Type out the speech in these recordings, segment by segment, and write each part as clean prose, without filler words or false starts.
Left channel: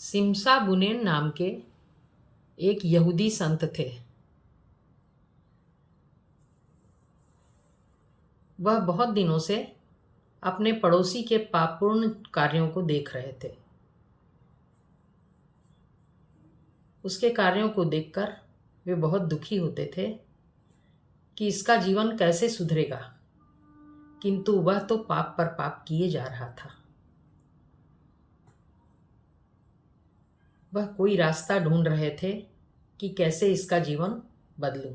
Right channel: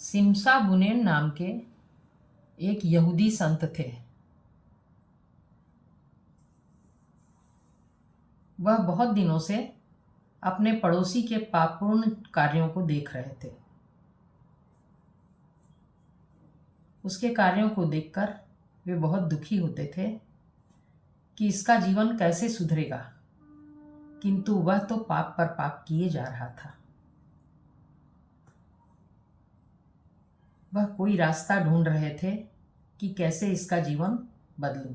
सिमसा बुनेन नाम के एक यहूदी संत थे। वह बहुत दिनों से अपने पड़ोसी के पापपूर्ण कार्यों को देख रहे थे। उसके कार्यों को देखकर वे बहुत दुखी होते थे कि इसका जीवन कैसे सुधरेगा, किंतु वह तो पाप पर पाप किए जा रहा था। वह कोई रास्ता ढूंढ रहे थे कि कैसे इसका जीवन बदलूं।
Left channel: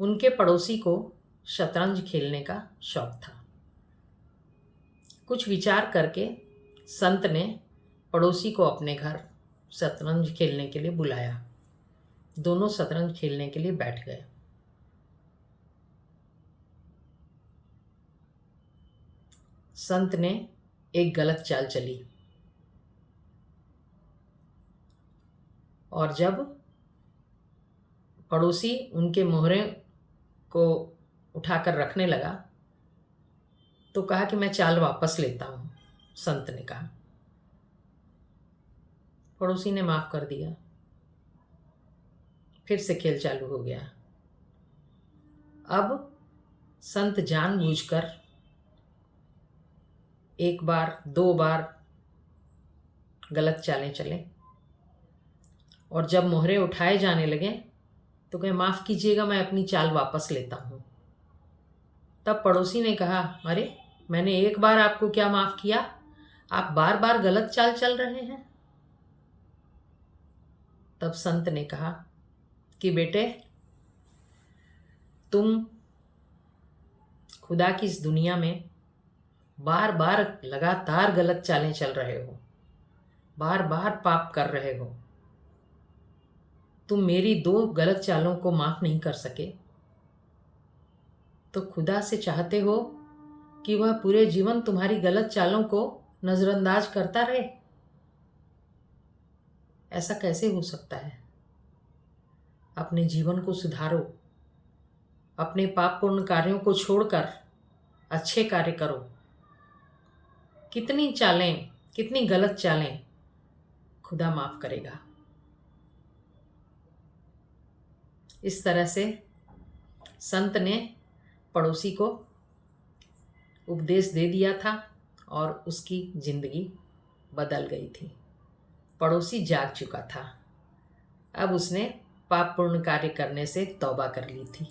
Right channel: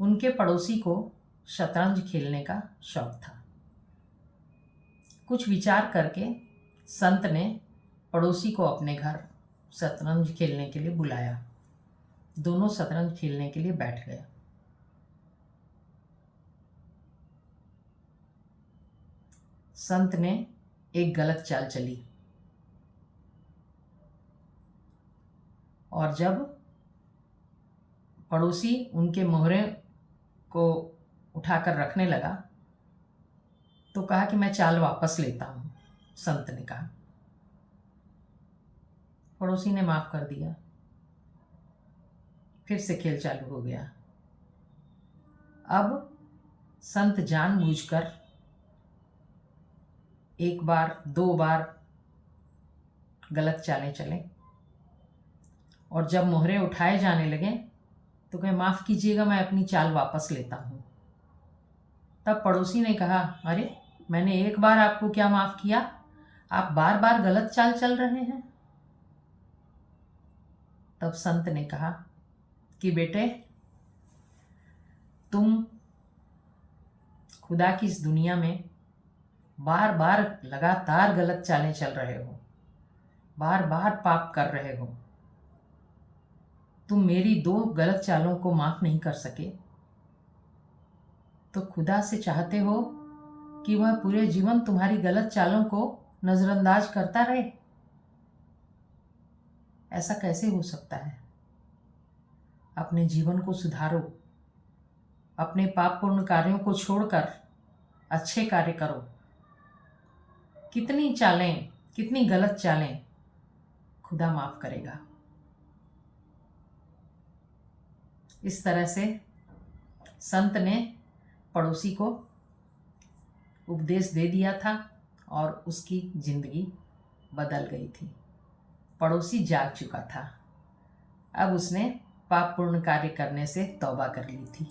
उनके पड़ोसी को शतरंज खेलने का शौक था। कुछ विचार करके संत ने पड़ोसी को अपने घर शतरंज खेलने के लिए बुलाया। दोनों शतरंज खेलने के लिए बैठ गए। संत ने एक गलत चाल चली और जब पड़ोसी उनके मोहरे को उठाकर रखने लगा तो कहा कि मैं चाल वापस लेता हूँ। संत ने कहा। पड़ोसी ने माफ कर दिया। फिर से खेल चालू हो गया। अब संत जानबूझकर एक बार दो बार गलत चालें चले और जब मोहरे उठाए जाने लगे तो कहे माफ़ कीजिएगा, मैं अपनी चाल वापस लेता हूँ। तब पड़ोसी ने कहा, अरे मैंने एक बार आपको क्या माफ़ किया, आप बार बार गलत चाल चल रहे हैं। तब संत ने कहा कि बेटे, तुम खुदा की इस दुनिया में बार बार लगातार गलत चालें चल रहे हो, बार बार पाप कर रहे हो। तुम मेरी दो गलत चालों को माफ़ नहीं कर सके तो खुदा से चाहते हो कि वह पूरे जीवन तुम्हारी गलत चालों को नज़रअंदाज करता रहे? ऐसा कैसे हो सकता है? अपने जीवन को सुधारो। अपने पापपूर्ण कार्यों को छोड़कर अच्छे कार्य करो। कितनी चालें, कितनी गलत चालें खुदा माफ़ करेगा। इस तरह से संत ने पड़ोसी को उपदेश दे दिया था और उसकी जिंदगी बदल गई थी। पड़ोसी जाग चुका था। अब उसने पापपूर्ण कार्य करने से तौबा कर ली थी।